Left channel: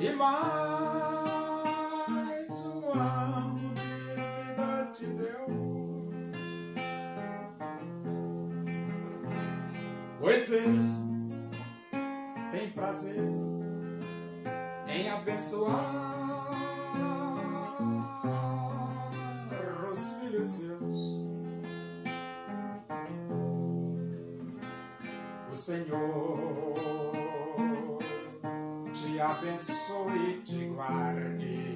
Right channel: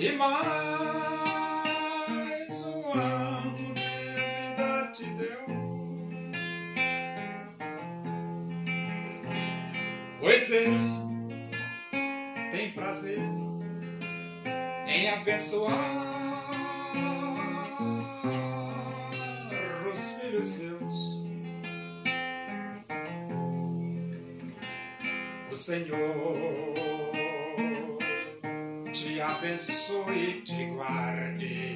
e mais um ano de vida te deu. Pois ele tem prazer em abençoar os filhos seus. O Senhor te abençoe e te guarde.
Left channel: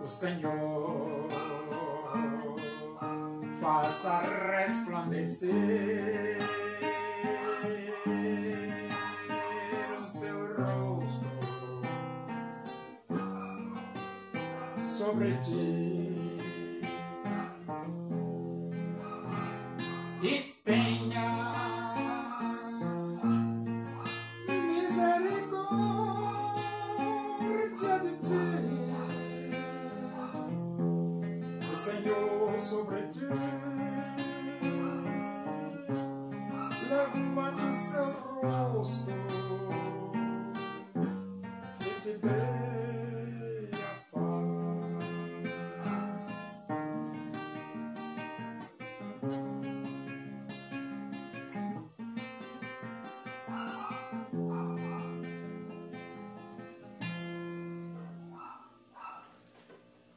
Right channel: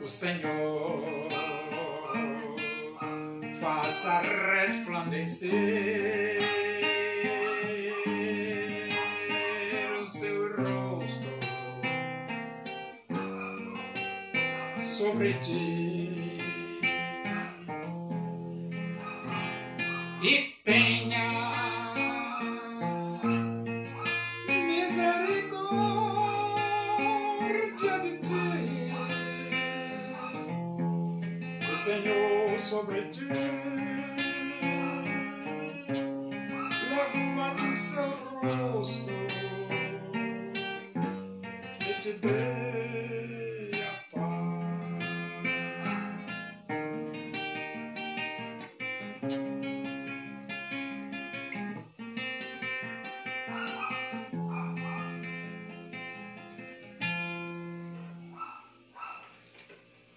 O Senhor faça resplandecer o seu rosto sobre ti e tenha misericórdia de ti. O Senhor sobre ti levante o seu rosto e te dê a paz.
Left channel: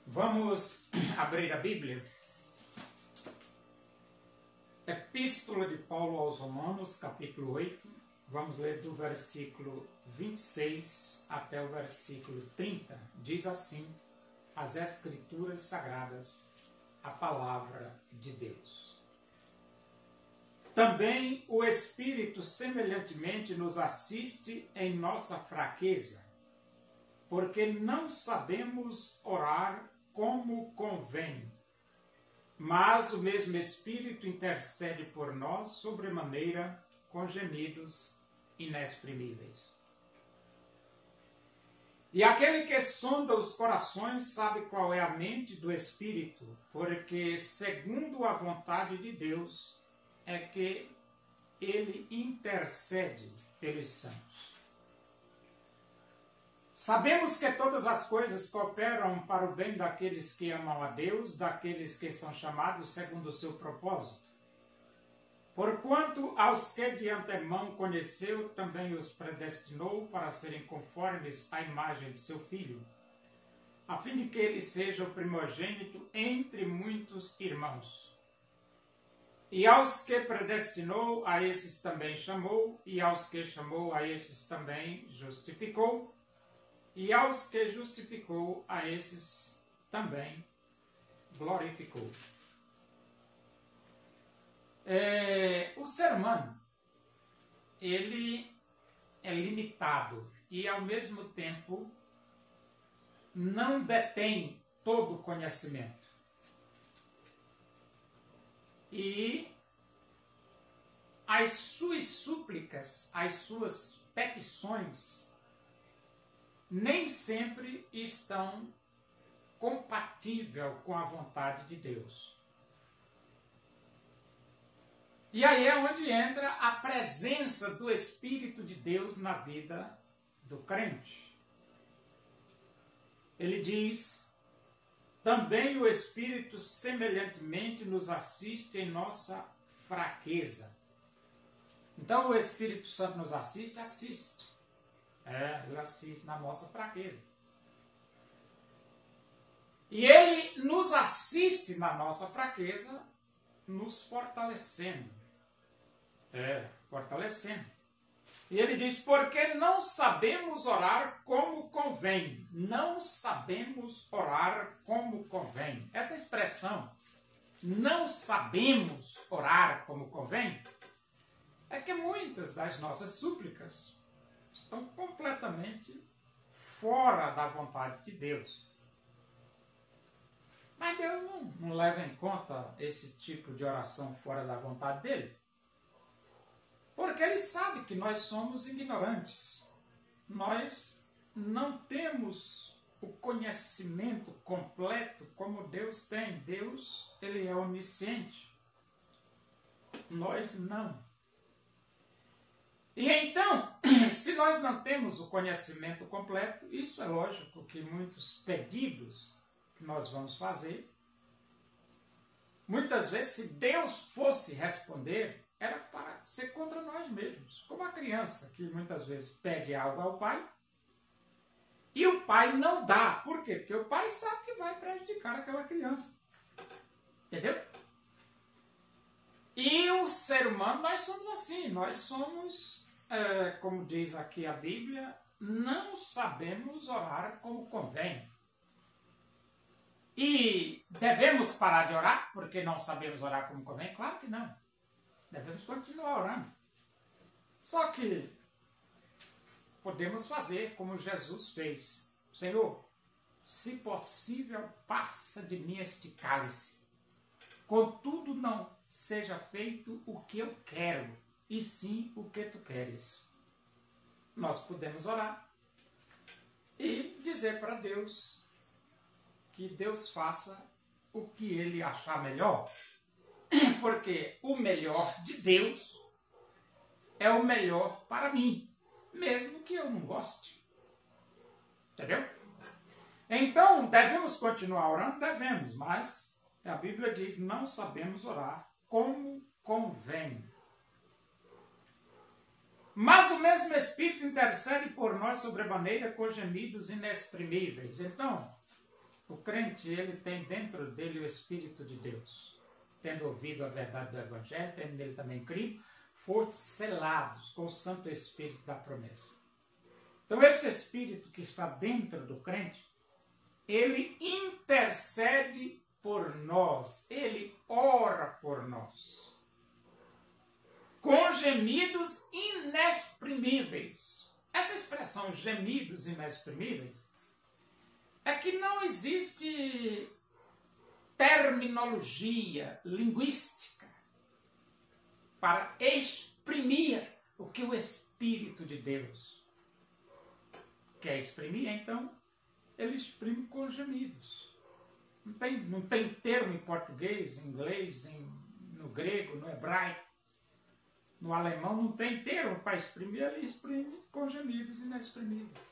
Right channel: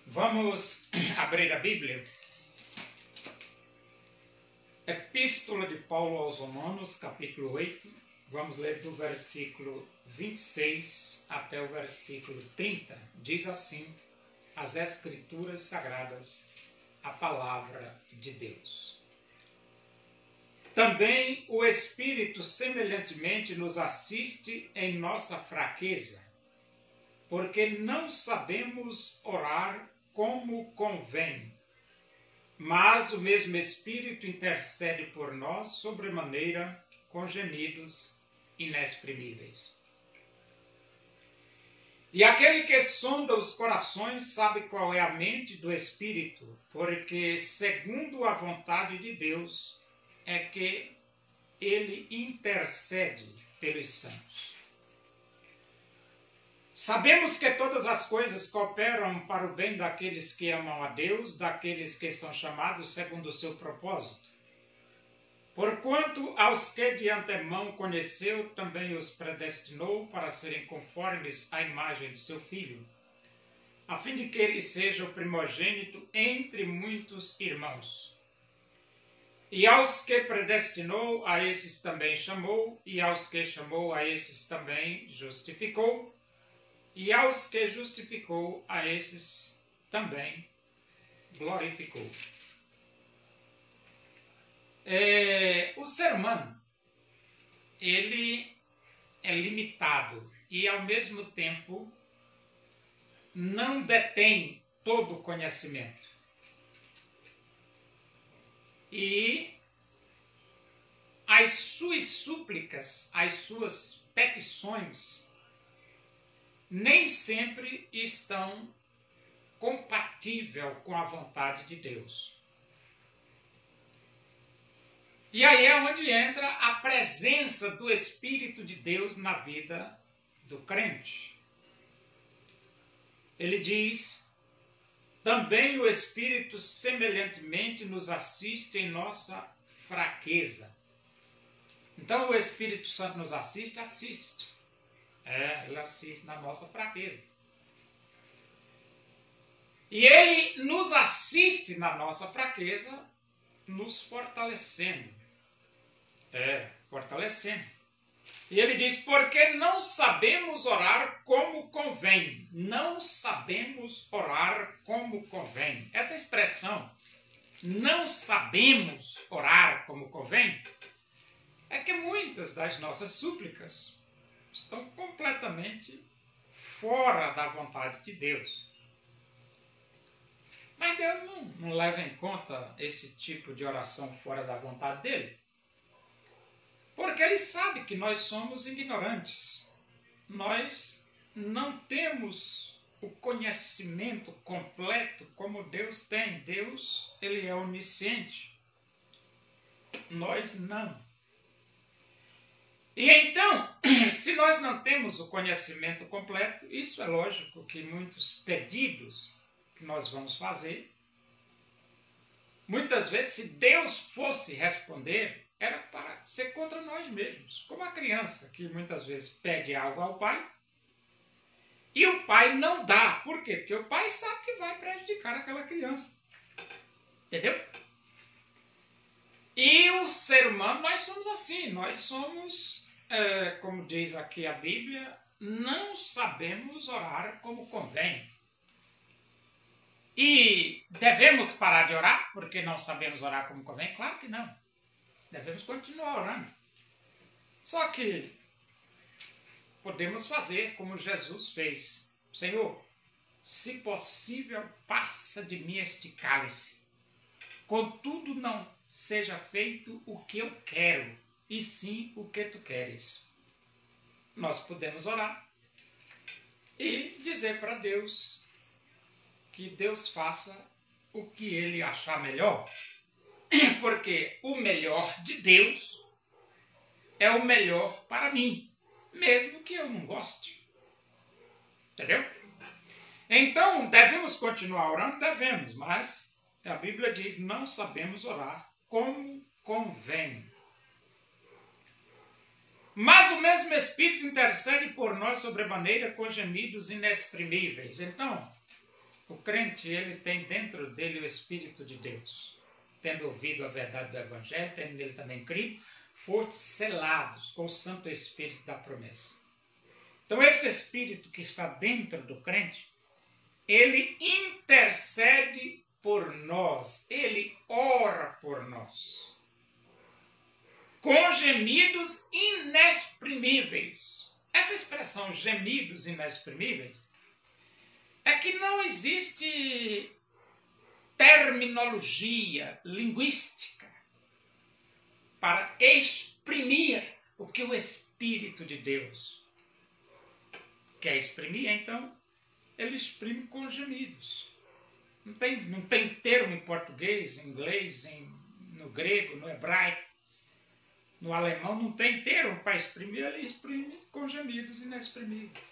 Vamos abrir a Bíblia. Epístola de Paulo aos Romanos, capítulo 8. Vamos ler do versículo 26 até o versículo 30. Diz assim as Escrituras Sagradas, a palavra de Deus. Também o Espírito semelhantemente nos assiste em nossa fraqueza, porque não sabemos orar como convém, mas o mesmo Espírito intercede por nós sobremaneira com gemidos inexprimíveis. E aquele que sonda os corações sabe qual é a mente do Espírito, porque segundo a vontade de Deus é que ele intercede pelos santos. Sabemos que todas as coisas cooperam para o bem daqueles que amam a Deus, daqueles que são chamados segundo o seu propósito. Porquanto aos que de antemão conheceu, também os predestinou para serem conformes à imagem de seu Filho, a fim de que ele seja o primogênito entre muitos irmãos. E aos que predestinou, a esses também chamou, e aos que chamou, a esses também justificou, e aos que justificou, a esses também glorificou. O ser humano, ele é limitado e, ao mesmo tempo, não detém todo o conhecimento. E as suas súplicas, as suas petições, nem sempre estão compatíveis com a vontade de Deus. E aí é onde entra a presença do Espírito de Deus na vida do crente. Ele diz: também o Espírito semelhantemente nos assiste em nossa fraqueza. Então o Espírito Santo nos assiste? Assiste. Ele assiste na nossa fraqueza. E ele nos assiste na nossa fraqueza, nos fortalecendo. Fortalecendo. E ele diz, porque não sabemos orar como convém. Não sabemos orar como convém. Essa expressão, não sabemos orar como convém, é que muitas das nossas súplicas estão completamente fora da vontade de Deus. Mas Deus não leva em conta esse tipo de oração fora da vontade dele. Porque ele sabe que nós somos ignorantes. Nós não temos o conhecimento completo como Deus tem. Deus, ele é onisciente. Nós não. E então, nós não temos o conhecimento completo, isso é lógico que muitos pedidos que nós vamos fazer, muitas vezes, se Deus fosse responder, era para ser contra nós mesmos. Como a criança que muitas vezes pede algo ao pai e o pai não dá. Por quê? Porque o pai sabe que vai prejudicar aquela criança. Entendeu? E o ser humano, nós somos assim. Nós somos, como diz aqui a Bíblia, não sabemos orar como convém. E devemos parar de orar porque não sabemos orar como convém? Claro que não. Devemos continuar orando. Só que podemos fazer como Jesus fez. Senhor, se possível, passa de mim este cálice. Contudo, não seja feito o que eu quero, e sim o que tu queres. Nós podemos orar e dizer para Deus que Deus faça o que Ele achar melhor. Porque o melhor de Deus é o melhor para mim, mesmo que eu não goste. Entendeu? Então, devemos continuar orando? Devemos, mas a Bíblia diz, não sabemos orar como convém. Mas o mesmo Espírito intercede por nós sobremaneira com gemidos inexprimíveis. Então, o crente, ele tem dentro dele o Espírito de Deus. Tendo ouvido a verdade do Evangelho, tendo nele também crido, foram selados com o Santo Espírito da promessa. Então, esse Espírito que está dentro do crente, ele intercede por nós, ele ora por nós, com gemidos inexprimíveis. Essa expressão, gemidos inexprimíveis, é que não existe terminologia linguística para exprimir o que o Espírito de Deus quer exprimir. Então, ele exprime com gemidos. Não tem termo em português, em inglês, no grego, no hebraico, no alemão, não tem termo para exprimir, ele exprime com gemidos inexprimíveis.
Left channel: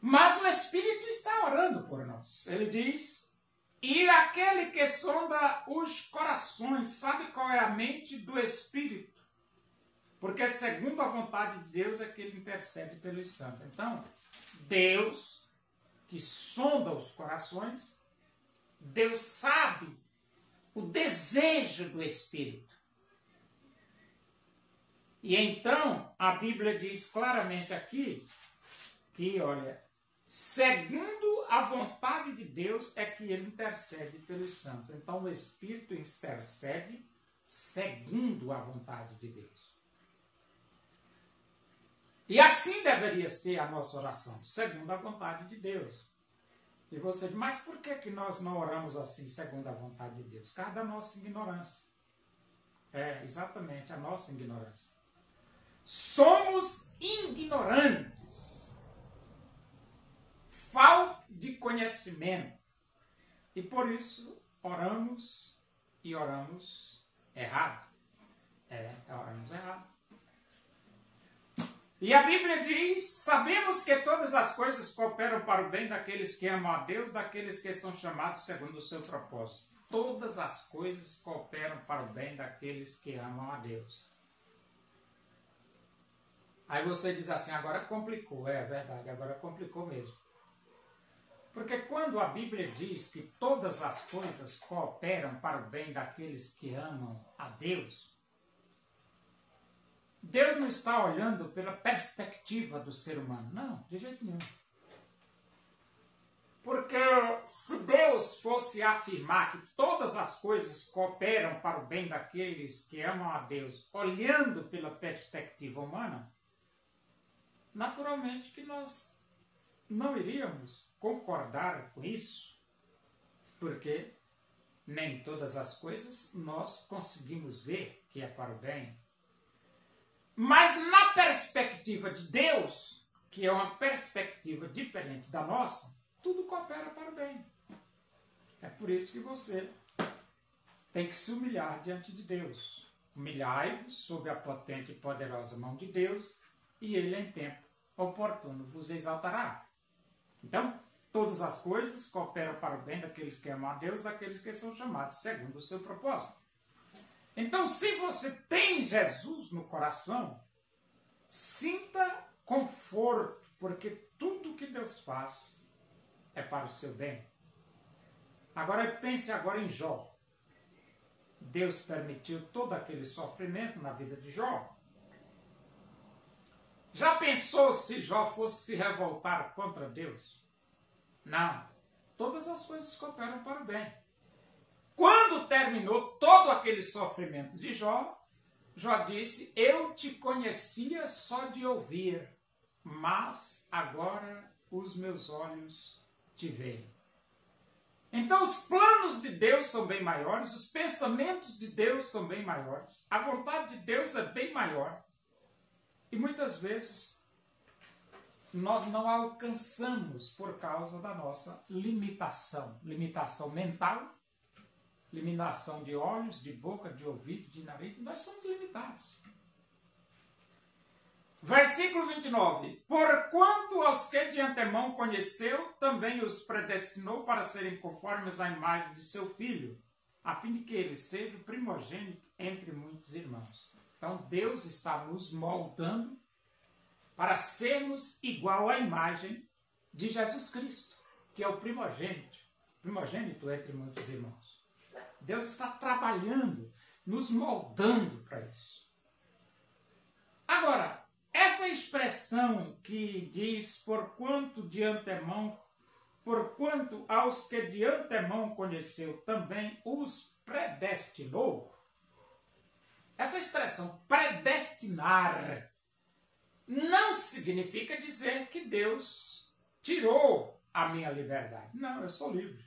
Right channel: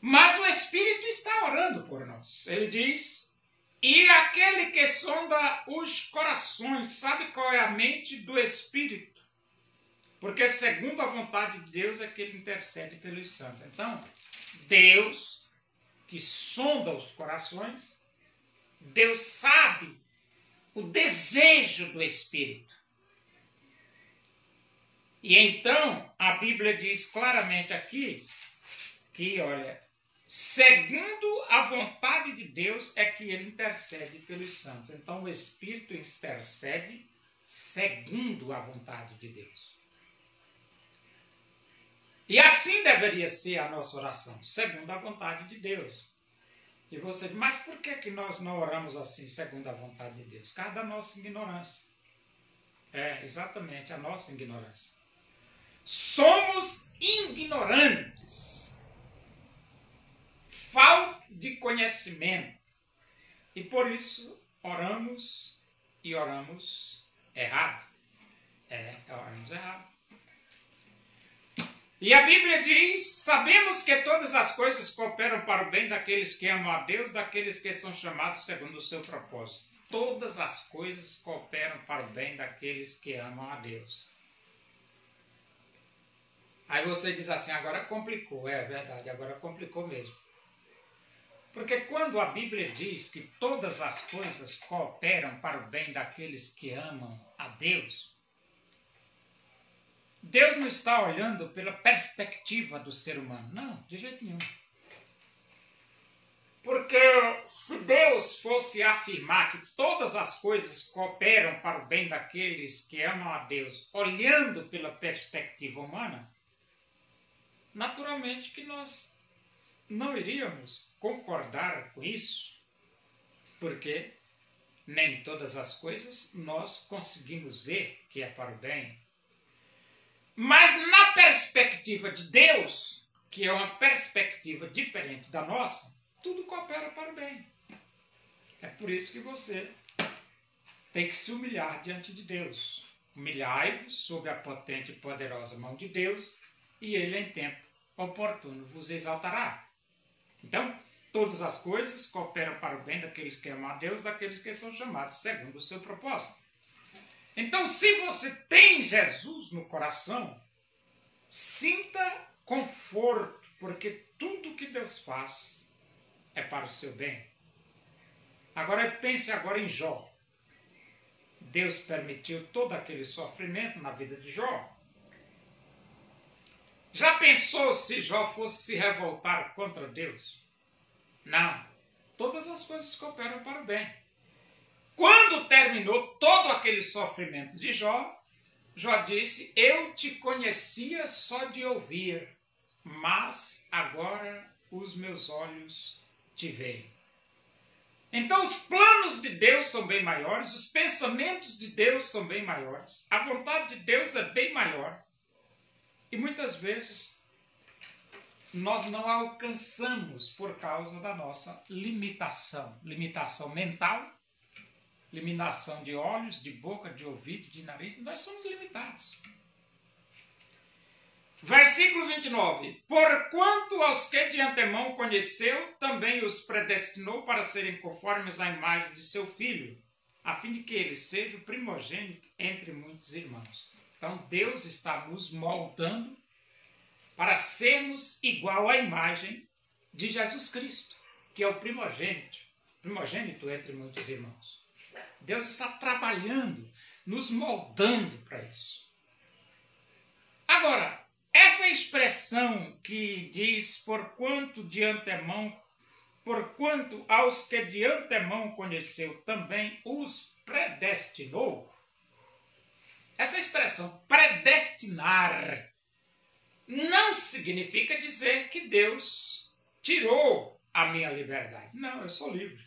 Mas o Espírito está orando por nós. Ele diz, e aquele que sonda os corações, sabe qual é a mente do Espírito? Porque segundo a vontade de Deus é que ele intercede pelos santos. Então, Deus, que sonda os corações, Deus sabe o desejo do Espírito. E então, a Bíblia diz claramente aqui, que, olha, segundo a vontade de Deus é que ele intercede pelos santos. Então, o Espírito intercede segundo a vontade de Deus. E assim deveria ser a nossa oração, segundo a vontade de Deus. E você diz, mas por que nós não oramos assim, segundo a vontade de Deus? Por causa da nossa ignorância. É, exatamente, a nossa ignorância. Somos ignorantes. Falta de conhecimento. E por isso oramos e oramos errado. Oramos errado. E a Bíblia diz, sabemos que todas as coisas cooperam para o bem daqueles que amam a Deus, daqueles que são chamados segundo o seu propósito. Todas as coisas cooperam para o bem daqueles que amam a Deus. Aí você diz assim, agora complicou. É verdade, agora complicou mesmo. Porque quando a Bíblia diz que todas as coisas cooperam para o bem daqueles que amam a Deus, Deus não está olhando pela perspectiva do ser humano. Não, de jeito nenhum. Porque se Deus fosse afirmar que todas as coisas cooperam para o bem daqueles que amam a Deus, olhando pela perspectiva humana, naturalmente que nós não iríamos concordar com isso, porque nem todas as coisas nós conseguimos ver que é para o bem. Mas na perspectiva de Deus, que é uma perspectiva diferente da nossa, tudo coopera para o bem. É por isso que você tem que se humilhar diante de Deus. Humilhai-vos sob a potente e poderosa mão de Deus, e ele em tempo oportuno vos exaltará. Então, todas as coisas cooperam para o bem daqueles que amam a Deus, daqueles que são chamados segundo o seu propósito. Então, se você tem Jesus no coração, sinta conforto, porque tudo que Deus faz é para o seu bem. Agora, pense agora em Jó. Deus permitiu todo aquele sofrimento na vida de Jó. Já pensou se Jó fosse se revoltar contra Deus? Não. Todas as coisas cooperam para o bem. Quando terminou todo aquele sofrimento de Jó, Jó disse: eu te conhecia só de ouvir, mas agora os meus olhos te veem. Então os planos de Deus são bem maiores, os pensamentos de Deus são bem maiores, a vontade de Deus é bem maior. E muitas vezes nós não alcançamos por causa da nossa limitação. Limitação mental, limitação de olhos, de boca, de ouvido, de nariz. Nós somos limitados. Versículo 29. Porquanto aos que de antemão conheceu, também os predestinou para serem conformes à imagem de seu Filho, a fim de que ele seja o primogênito entre muitos irmãos. Então Deus está nos moldando para sermos igual à imagem de Jesus Cristo, que é o primogênito entre muitos irmãos. Deus está trabalhando, nos moldando para isso. Agora, essa expressão que diz porquanto aos que de antemão conheceu também os predestinou, essa expressão predestinar não significa dizer que Deus tirou a minha liberdade. Não, eu sou livre.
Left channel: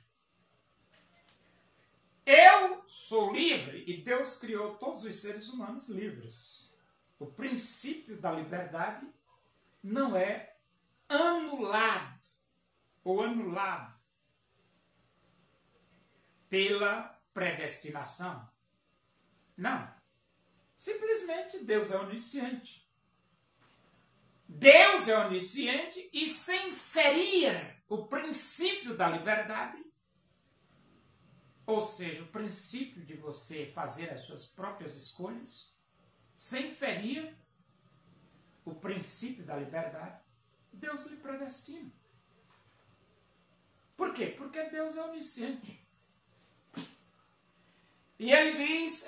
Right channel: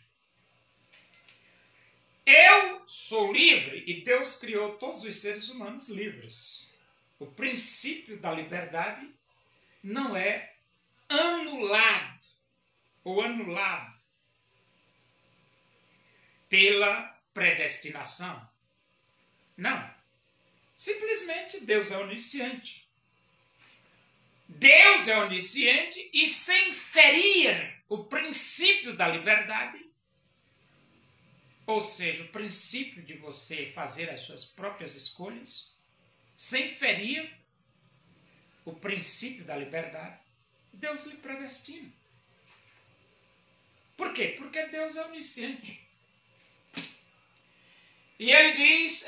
Eu sou livre e Deus criou todos os seres humanos livres. O princípio da liberdade não é anulado pela predestinação. Não. Simplesmente Deus é onisciente. Deus é onisciente e sem ferir o princípio da liberdade, ou seja, o princípio de você fazer as suas próprias escolhas, sem ferir o princípio da liberdade, Deus lhe predestina. Por quê? Porque Deus é onisciente. E ele diz,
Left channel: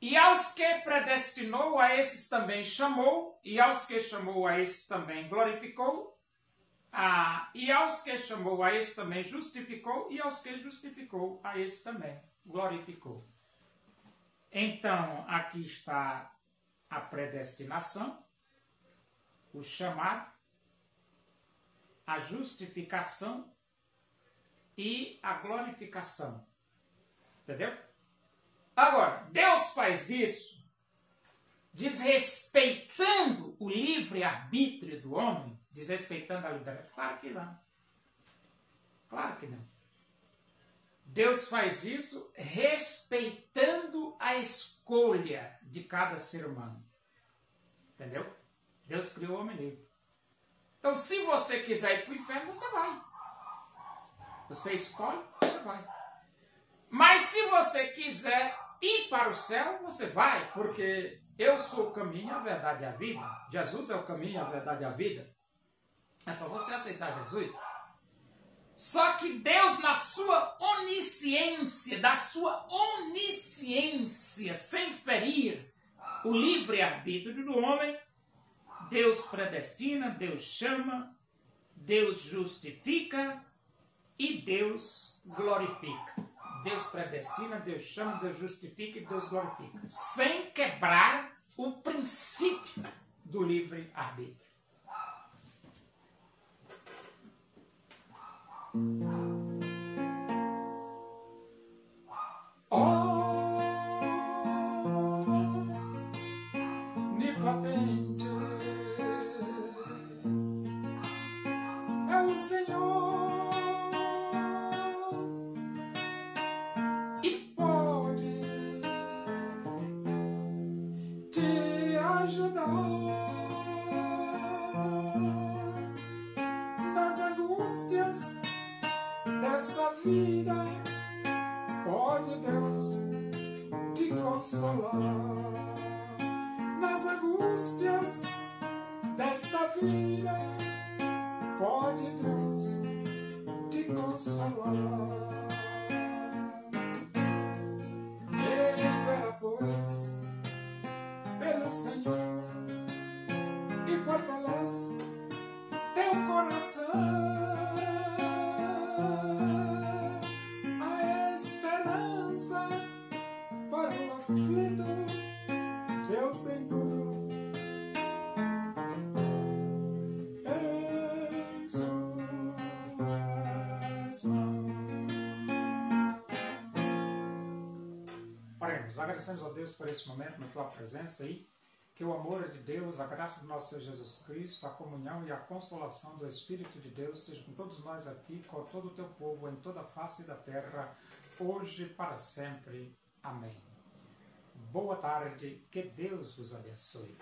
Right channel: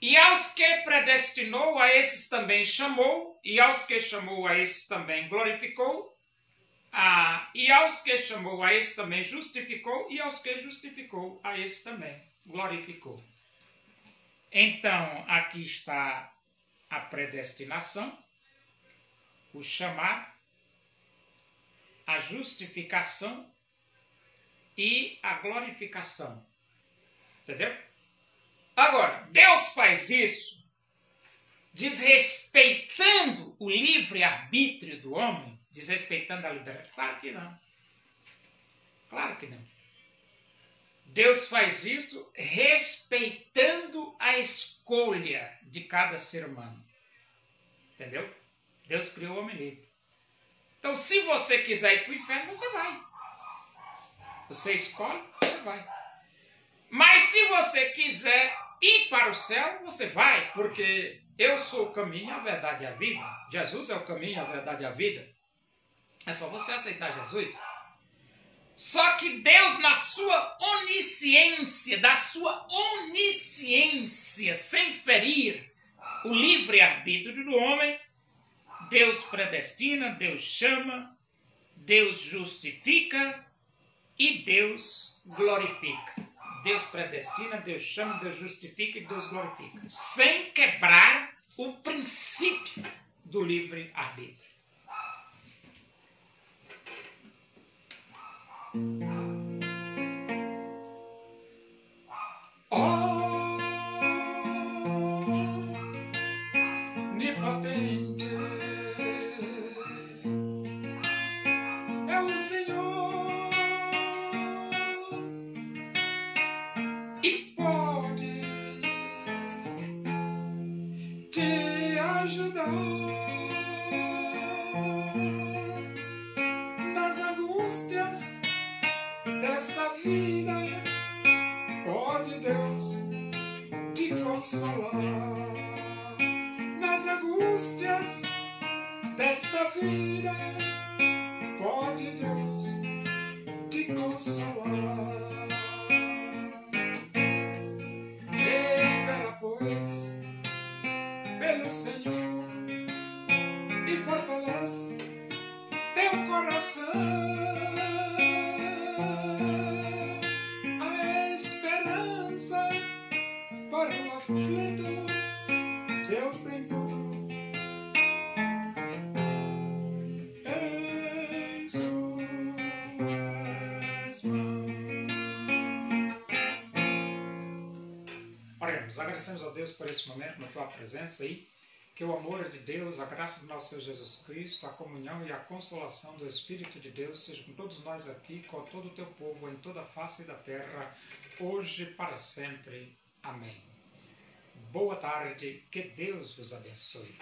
e aos que predestinou, a esses também chamou, e aos que chamou, a esses também glorificou, e aos que chamou, a esses também justificou, e aos que justificou, a esses também glorificou. Então, aqui está a predestinação, o chamado, a justificação e a glorificação. Entendeu? Agora, Deus faz isso desrespeitando o livre-arbítrio do homem, desrespeitando a liberdade? Claro que não. Claro que não. Deus faz isso respeitando a escolha de cada ser humano. Entendeu? Deus criou o homem livre. Então, se você quiser ir para o inferno, você vai. Você escolhe, você vai. Mas se você quiser ir para o céu, você vai, porque eu sou o caminho, a verdade e a vida. Jesus é o caminho, a verdade e a vida. É só você aceitar Jesus. Só que Deus, na sua onisciência, sem ferir o livre-arbítrio do homem, Deus predestina, Deus chama, Deus justifica e Deus glorifica. Deus predestina, Deus chama, Deus justifica e Deus glorifica, sem quebrar o princípio do livre-arbítrio. Onipotente é o Senhor e pode ajudar nas angústias desta vida. Pode Deus te consolar nas angústias desta vida. Pode Deus te consolar. Espera, pois, pelo Senhor e fortalece teu coração. A esperança para o aflito, Deus tem tudo em suas mãos. Oremos, agradecemos a Deus por esse momento na tua presença aí. Que o amor de Deus, a graça do nosso Senhor Jesus Cristo, a comunhão e a consolação do Espírito de Deus seja com todos nós aqui, com todo o teu povo, em toda a face da terra, hoje e para sempre. Amém. Boa tarde, que Deus vos abençoe.